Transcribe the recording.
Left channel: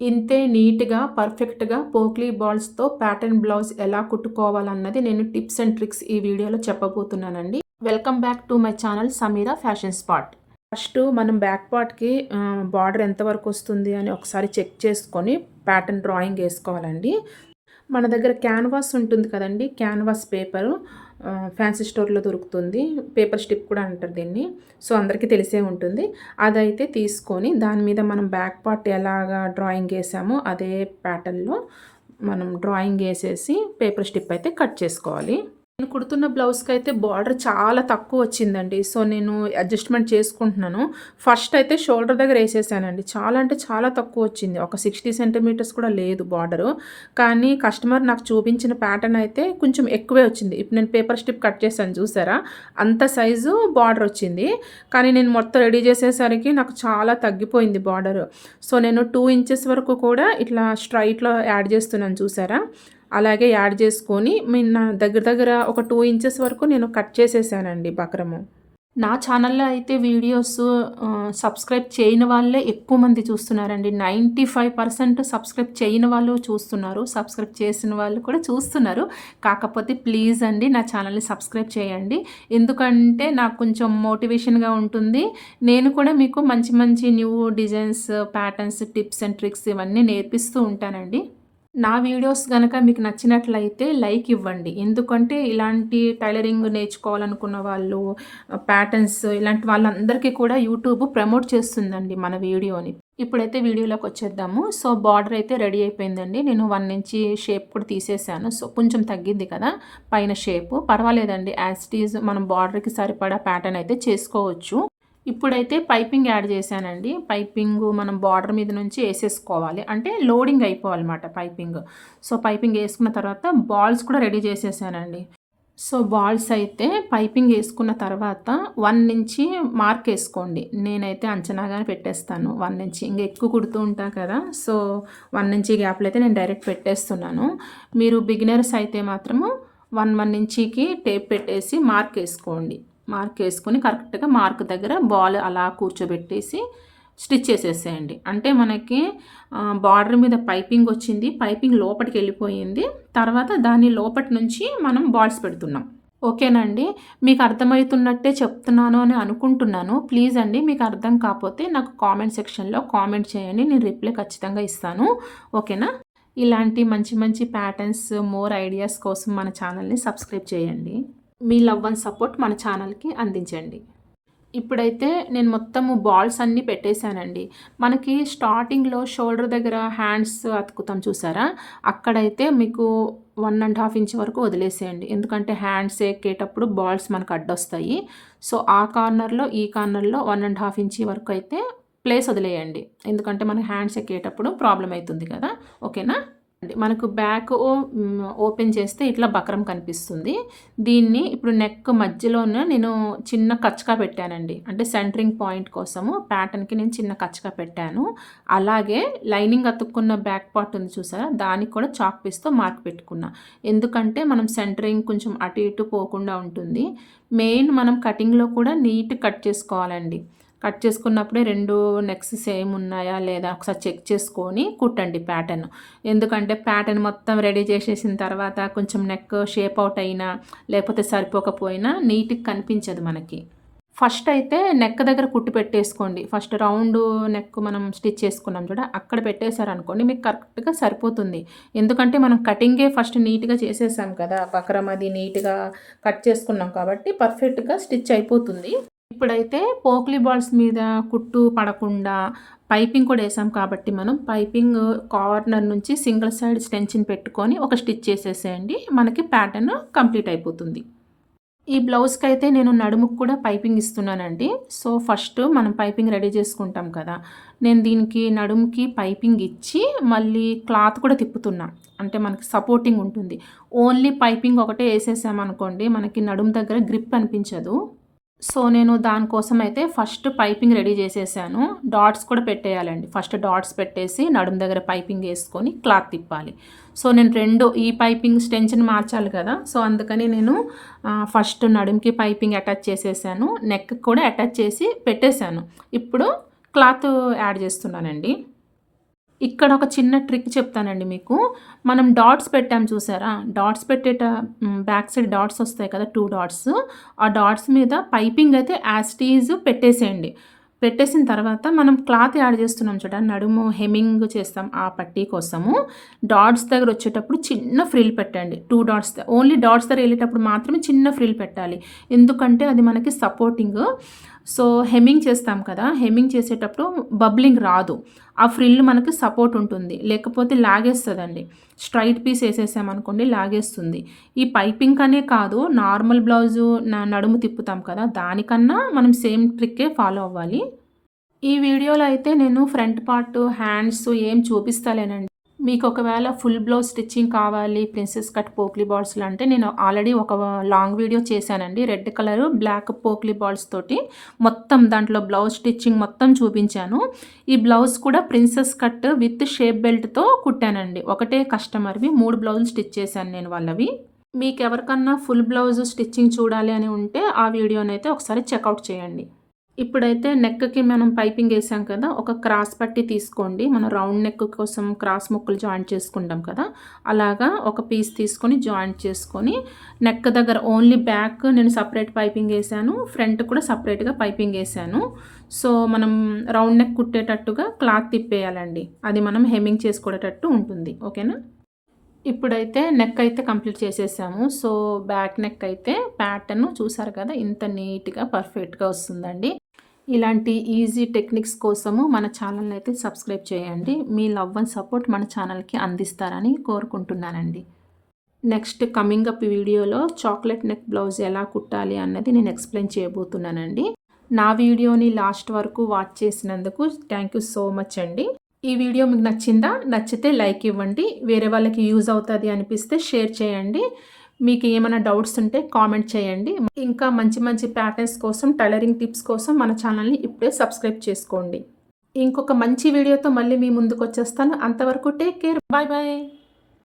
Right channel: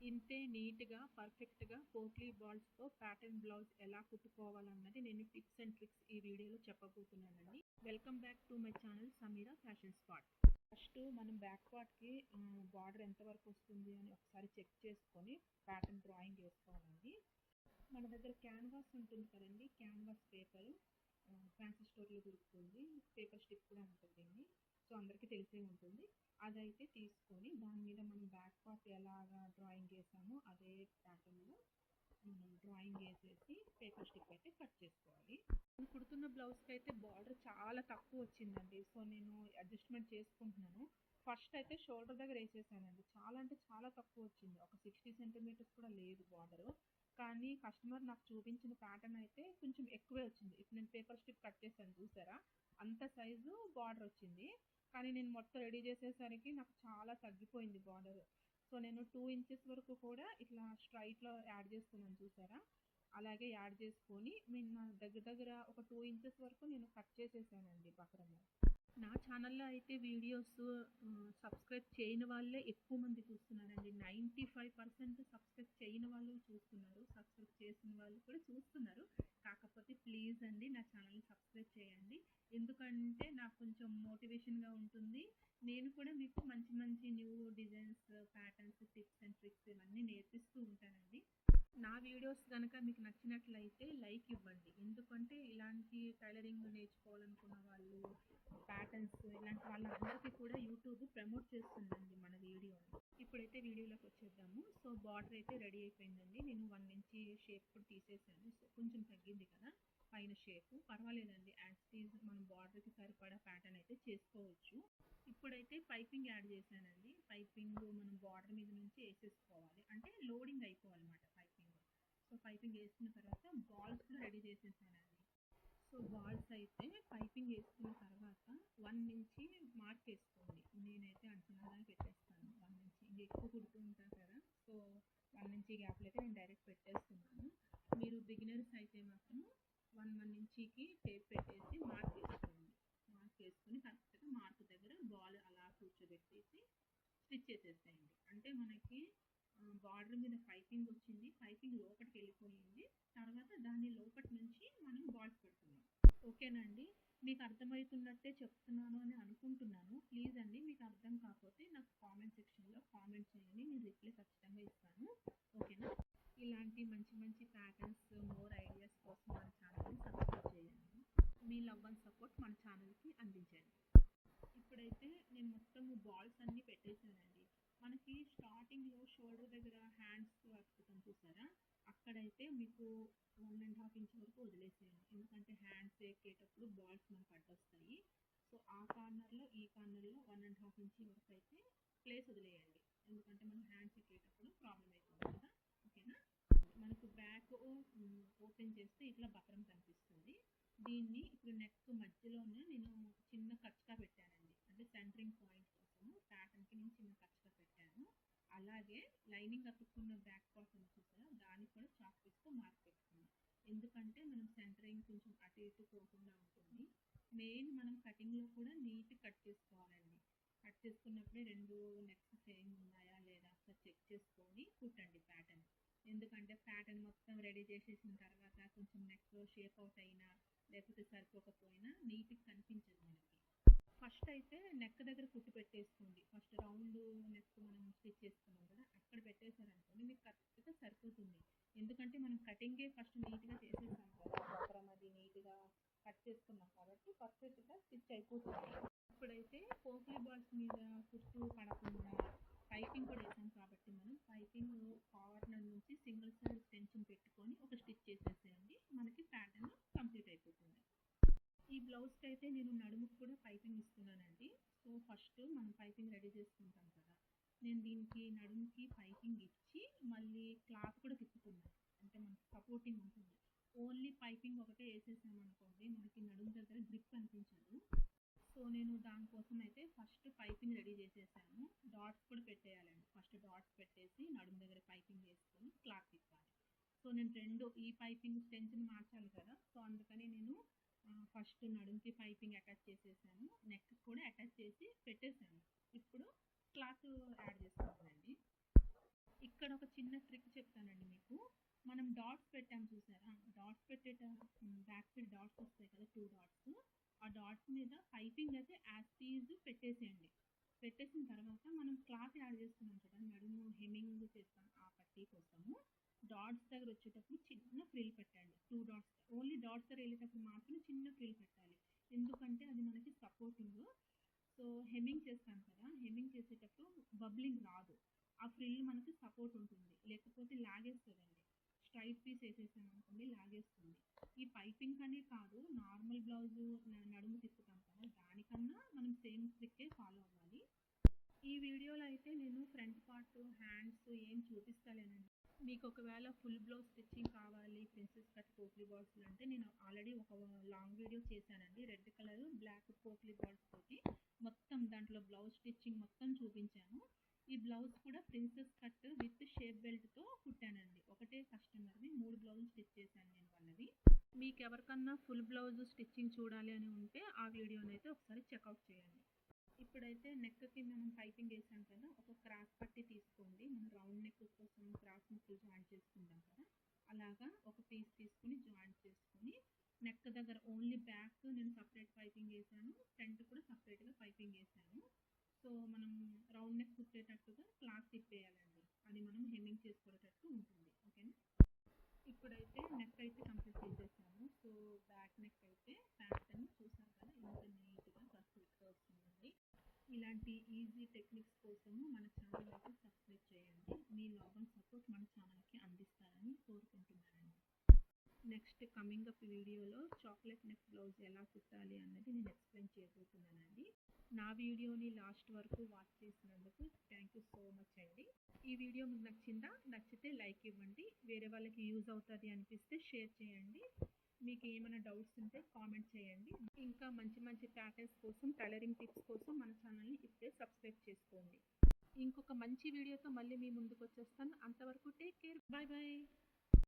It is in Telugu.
ఇంతే నీట్‌గా, పర్ఫెక్ట్‌గా పోక్లీ బాల్స్‌తో ప్యాటర్న్ బ్లౌజ్ ఎలా కుట్టుకోవాలన్నది నేను టిప్స్ అండ్ ట్రిక్స్ ఈ వీడియోలో చెప్పబోతున్నానండి. Welcome back to my channel Sameera fashion spot. First మనం బ్యాక్ పార్ట్‌కి బార్డర్ ఎంతవరకు వస్తుంది అని ఒకసారి చెక్ చేసుకొని ప్యాటర్న్ డ్రాయింగ్ ఏసుకోవాలండి. మన దగ్గర క్యాన్వాస్ ఉంటుంది కదండీ! క్యాన్వాస్ పేపరు ఫ్యాన్సీ స్టోర్‌లో దొరుకుతుంది. పేపర్ స్ట్రిప్ కూడా అంటారు దీన్ని. సో, అందరికీ తెలిసే ఉంటుంది. అదైతే తీసుకొని దాని మీద మనం బ్యాక్ పార్ట్ ఎలాగా డ్రాయింగ్ ఏసామో అదే ప్యాటర్న్‌లో మనం డ్రాయింగ్ ఏసేసి పేపర్ స్ట్రిప్ అయితే కట్ చేసుకోవాలి. నేను కుడుతున్న బ్లౌజ్‌కైతే బార్డర్ చాలా తక్కువొచ్చిందండి. సో, నేను అడ్జస్ట్‌మెంట్ చేసుకుంటున్నాను. ఫస్ట్ అయితే షోల్డర్ దగ్గర ఏసేసానండి. చాలా అంటే చాలా తక్కువొచ్చింది. ఒక 60 సెంటీమీటర్స్ కూడా లేదు బార్డరు. కానీ కస్టమర్ నాకు చూపించిన ప్యాటర్న్ అయితే కొంచెం ఎక్కువే వచ్చింది. ఇప్పుడు నేను పేపర్ స్ట్రిప్ కట్ చేశాను చూసారా? అంత సైజు బార్డరొచ్చింది. కానీ నేను మొత్తం రెడీ చేసేసరికి నాకు చాలా తగ్గిపోయింది బార్డరు. సో, నేను 2 ఇంచెస్ వరకు కూడా ఇట్లా స్ట్రెయిట్‌లో యాడ్ చేస్తున్నాను చూసారా? అలాగే యాడ్ చేసుకొని నా దగ్గర దగ్గర ఒక 2 ఇంచెస్ వరకు నేను కట్ చేసేసానండి బక్రము. నా ఛానల్‌లో అయితే వీడియోస్ సబ్స్క్రైబ్ చేయని వాళ్ళే ఎక్కువ మంది చూస్తున్నారండి. 95% సబ్స్క్రైబ్ చేయని వాళ్ళు చూస్తున్నారు. సబ్స్క్రైబ్ చేసిన వాళ్ళు కూడా చూస్తున్నారు. కాకపోతే ప్లీజ్ అండి నా ఛానల్‌ని సబ్స్క్రైబ్ చేయండి. ఎందుకంటే నాకు కొంచెం మోటివేషన్‌గా ఉంటుంది. నేను కూడా మీకు మంచి మంచి new designs, patterns, tips and tricks ఇవన్నీ నేర్పిస్తూ ఉంటానండి. నా వీడియోస్ గనక మీకు నచ్చినట్లయితే లైక్ ఇవ్వండి. ఎందుకంటే ఇలాంటి టైలరింగ్ నేర్చుకోవాలనుకున్న వాళ్ళు, ప్యాటర్న్స్ ఇలాంటి వాళ్ళందరికీ కూడా యూట్యూబ్ ప్రమోట్ చేస్తుందండి మన వీడియోని. ఇప్పుడైతే వీడియోలోకొచ్చేద్దాము. సో, బార్డర్ అయితే రెడీ అయిపోయిందండి. నేను 1 ఇంచ్ షేప్ కూడా తీసేసాను. సో, కొంచెం తగ్గిద్ది కదా పైన షేపు. పర్వాలేదండి. యాజ్ ఇట్ ఈజ్ మనం బార్డర్‌కి సరిపడా ప్యాటర్న్ అయితే చేసుకోవచ్చు. ఇప్పుడైతే పైపింగ్ యాడ్ చేశానండి. పైపింగు మనం బార్డర్ మీద నుంచి ఏసేసుకోవాలి. అంటే లోడింగ్ అయిపోవాలన్నమాట పైపింగ్. సో, పైపింగ్ ఏసుకున్న తర్వాత బాల్స్ కూడా రెడీ చేసేసానండి. సో, బాల్స్ అయితే పైపింగ్ ఏసుకున్న తర్వాత 1 నుంచి మార్క్ ఏసుకోండి. నేనైతే అంచనాగానే పెట్టేస్తాను 1 నుంచి. ఇంక ఎక్కువ కుడుతూ ఉంటా కదా! సో, 1 నుంచి గ్యాప్‌లో అయితే నేను డైరెక్ట్ పెట్టేస్తున్నాను. మీరు బిగినర్స్ అయితే మాత్రము 1 ఇంచీకి టేప్ పెట్టేసి మార్క్ ఏసుకోండి. మార్క్ ఏసుకొని కరెక్ట్‌గా మార్క్ దగ్గర బాల్ అలా కూర్చోబెట్టేసి స్టిచ్ చేసేసేయండి. అంటే మనకి బార్డర్ మీద పైపింగ్ వచ్చింది. పైపింగ్ లోపటికెళ్ళిపోయింది. తర్వాత దాని లోపటి నుంచి మనం బాల్స్ పెడుతున్నాం. ఓకేనండి. మీకు అర్థమవుతున్నట్టే చెప్తున్నాను అని అనుకుంటున్నాను. ప్లీజ్ అండి మీకు అర్థం కాపోతే నాకు కామెంట్ సెక్షన్‌లో కామెంట్ చేయండి. నేను రిప్లై ఖచ్చితంగా ఇస్తాను. ఓకేనా? ఇలాంటి మంచి మంచి ప్యాటర్న్స్, మోర్ ఐడియాస్ కోసం మన ఛానల్‌ని సబ్స్క్రైబ్ చేయండి. మీ లవ్ అండ్ సపోర్ట్ మన ఛానల్‌కి అందించండి. ఇప్పుడైతే నేను మొత్తము బాల్స్ అన్నీ పెట్టేసానండి. మనకి స్టార్టింగ్‌లో షోల్డర్ దగ్గర హ్యాండ్స్ అతుకుతాం చూసారా? అక్కడైతే మీకు 1 ½ ఇంచ్ వరకు వదిలేసేయండి. ఎందుకంటే హ్యాండ్స్ ఎక్కేటప్పుడు బాల్స్ మనకు అడ్డొస్తాయి. సో, ఆ కార్నర్‌లో, ఈ కార్నర్‌లో 1 ½ ఇంచ్ వరకు అయితే ప్లేస్ వదిలేయండి. ఎందుకంటే మనకి హ్యాండ్స్ ఎక్కేటప్పుడు ప్రాబ్లమ్ అయితుంది కదా! ఓకేనా? మనకు ఓపెన్ చేస్తే ఇట్లా బక్రం కనిపిస్తుంది. దీన్ని ఇప్పుడు నెక్ మధ్యలోన నేను చిన్న కచ్చకా పెట్టానండి. అంటే సెంటరింగ్ పాయింట్ కోసము ప్యాటర్న్‌కి నేను చిన్న కచ్చకా పెట్టాను. అలాగే లైనింగ్ అతుక్కున్న బ్యాక్ పార్ట్ ఉంది చూసారా? దానికి కూడా చాక్ పీస్‌తో మార్క్ పెట్టుకున్నా. ఎందుకంటే మనం సెంటరింగ్ కొంచెం అటు ఇటు పోకుండా ఉంటుంది. మెయిన్ మనం కటింగ్‌లో కూడా నీట్‌గా కట్ చేసుకోవాలండి. కట్ చేసుకున్నప్పుడే 2 నెక్స్ సేమ్ ఉన్నాయా లేదా ఒకసారి చెక్ చేసుకొని కుట్టండి ప్యాటర్న్. ఎందుకంటే ప్యాటర్న్ మొత్తం రెడీ చేసేసిన తర్వాత కొంచెం నెక్ షేప్ అవుట్ అయినా లేకపోతే సరిపోకపోయినా నీట్‌గా కనిపించదు మనకి. ఫస్ట్ అయితే నెక్ దగ్గర కుట్టు పెట్టేసుకోండి. ఫస్ట్ రౌండ్ నెక్ మనం స్టిచ్ చేసుకున్నాం చూడ అక్కడ పెట్టేశారనుకోండి మీకు కరెక్ట్‌గా సరిపోతుంది. ఎందుకంటే మనం కటింగే ఫస్ట్ నీట్‌గా చేసేసాం కదా! బక్రం అది నీట్‌గా కట్ చేసుకున్నాం కాబట్టి పర్ఫెక్ట్‌గా స్టిచ్ అయిపోతుంది. ఇప్పుడైతే పోక్లీ బాల్స్ మీద కుట్టు పడకుండా పైపింగ్ కూడా ఏసాం కాబట్టి మనం పైపింగ్ కార్నర్ నుంచి సింగిల్ సైడ్ స్టెన్చిన్ పెట్టుకొని ఒక స్టిచ్ చేసేసేయండి. మనకి ప్యాటర్న్ కంప్లీట్ అయిపోతుంది. ఈ బ్లౌజ్‌కైతే నేను నడుముకి కూడా పైపింగ్ ఇస్తున్నానండి. సో, ఫస్ట్ మనం పైపింగ్ రెడీ చేసుకుంటాం కదా! నేను దీనికి నడుముకి పైపింగ్ ఇచ్చి మళ్ళీ క్లాత్ కూడా తిప్పుతున్నా. అంటే మనకి సపోర్టింగ్ ఉంటుంది. ఓన్లీ పైపింగ్ ఒకటే ఏసేసామనుకోండి మనకి నడుము దగ్గర గ్రిప్ అనిపించదు. సో, నేను దానికోసం అయితే ఫస్ట్ పైపింగ్ రెడీ చేసేసాను. డాట్స్ కూడా పెట్టేయాలండి. ఫస్ట్ డాట్స్ పెట్టేసి నడుము దగ్గర పైపింగ్ ఏసుకొని క్లాత్ తిప్పాలి. సో, నేను 2 ఈ పైపింగ్ స్టెన్షన్ మార్చాలి కదా! సో, అందుకని నేను ఫస్ట్ నడుముకి పైపింగ్ అటాచ్ చేసేసాను. నెక్‌కి కూడా అటాచ్ చేసి పెట్టేసాను. ఇప్పుడు క్లాత్ యాడ్ చేస్తున్నానండి. ఇక్కడ ఒక చిన్న ట్రిక్ చెప్తానండి మీకు. మనం డాట్స్ పెట్టాం చూసారా? డాట్స్ బ్యాక్ సైడ్ డాట్స్ వస్తాయి కదా! 2 డాట్స్. ఆ డాట్స్ మీద పైపింగ్ అయితే యాజ్ ఇట్ ఈజ్ పెట్టేసేయండి. పెట్టేసిన తర్వాత మనం క్లాత్ యాడ్ చేస్తున్నాం చూడండి. నడుము హెమ్మింగ్ చేస్తాం ఆ పట్టీ కోసము. డాట్స్ దగ్గర వచ్చేటప్పుడు చిన్న ఫ్రిల్ పెట్టండి. 2 డాట్స్ ఓన్లీ డాట్స్ దగ్గర వెళ్ళేటప్పుడు మాత్రమే చిన్న ఫ్రిల్ పెట్టాలి. ఎందుకంటే అది మనకి సపోర్టింగ్. సో, హెమ్మింగ్ చేస్తాం కదా! హెమ్మింగ్ చేసేటప్పుడు బబ్లింగ్ రాదు. ఆ ఫ్రిల్ మనకి సపోర్ట్ ఉంటుంది. లేకపోతే లాగేస్తదండి. స్ట్రైట్ పీస్ ఏసేసామనుకోండి లాగేస్తుంది. ఈ పైపింగ్ అనే కాదు, నార్మల్ బ్లౌజు నడుము తిప్పుతాం కదా! దానికన్నా మనం సేమ్ ట్రిక్కే ఫాలో అవ్వాలి. ఈ వీడియోలో అయితే నేను ఫ్రంట్ పార్ట్, హ్యాండ్స్ ఏం చూపిస్తలేనండి. మీకు ఒకవేళ ఫుల్ బ్లౌజ్ స్టిచ్చింగ్ కావాలి, ప్రిన్సెస్ కట్ పోక్లీ బాల్స్‌లో అంటే నేను ఆల్రెడీ ఒక లాంగ్ వీడియో చేశానండి. రెడ్ కలర్, బ్లాక్ పోక్లీ బాల్స్ తోటి మొత్తం దాంట్లో బ్లౌజ్ స్టిచ్చింగ్ మొత్తం చూపించాను. ఈ బ్లౌజ్ కూడా ప్రిన్సెస్ కట్ విత్ షేప్ బెల్ట్‌తో కుట్టానండి. ఒకటే కస్టమర్‌వి 3 బ్లౌజులు స్టిచ్ చేశాను నేను వాళ్ళవి. మీకెవరికన్నా ఫుల్ బ్లౌజ్ స్టిచ్చింగ్ చూడాలి అని ఉంటే ఆ వీడియోనైతే ఒకసారి చెక్‌ఔట్ చేయండి. ఇప్పుడైతే నెక్‌కి మనం పైపింగ్ ఏసాం కదా! ఒక క్రాస్ పట్టీ తీసుకోండి. మనం రౌండ్ నెక్ కోసం క్రాస్ ముక్కలు జాయింట్ చేసుకుంటాం కదా! అలాగా ఒక పీస్ తీసుకొని జాయింట్ చేసుకొని నెక్ దగ్గర ఓన్లీ బ్యాక్ నేను సెపరేట్ పైపింగ్ ఏసాను. ఫ్రంట్ కూడా సెపరేట్‌గా పైపింగ్ ఏసాను. సో, మనం రౌండ్ నెక్ కుట్టేటట్టుగా క్లాత్ తిప్పేయాలండి. అది మనం హెమ్మింగ్ చేసుకునేటట్టు ఉంటుంది. ఓకేనా? ఇప్పుడైతే నెక్ అయితే కంప్లీట్ చేసేసాము. సో, బ్యాక్ నెక్ అయితే ప్యాటర్న్ చూసారు కదా! ఇంత నీట్‌గా పర్ఫెక్ట్‌గా వస్తుందండి. ఇలాంటి ఈజీ టెక్నిక్స్ కోసము మన ఛానల్‌ని అయితే సబ్స్క్రైబ్ చేయండి. మీ లవ్ అండ్ సపోర్ట్ మన ఛానల్‌కి అందిస్తారని కోరుకుంటున్నానండి. నెక్స్ట్ కమింగ్ అప్ వీడియోలో చాక్లెట్ నెక్ బ్లౌజ్ ఎలా కుట్టాలి అన్నది నేను ఎక్స్‌ప్లెయిన్ చేయబోతున్నానండి. నా వీడియోని లాస్ట్ వరకు వాచ్ చేసినందుకు థ్యాంక్ యూ సో మచ్ అండి. ఈ వీడియో మీకు నచ్చిందా? నచ్చితే లైక్ ఇవ్వండి. వేరే వాళ్ళకి యూజ్ అవుతది అనిపిస్తే షేర్ చేయండి. మీకు ఏమైనా డౌట్స్ ఉంటే కామెంట్ చేయండి. ఇంకా మంచి మంచి ప్యాటర్న్స్ కోసం, టైలరింగ్ టిప్స్ కోసం మన ఛానల్‌ని ఇప్పుడే సబ్స్క్రైబ్ చేసుకోండి. ఇంకొక మంచి వీడియోతో మళ్ళీ మీ ముందుకొచ్చేస్తాను. అంతవరకు టేక్ కేర్. Bye bye.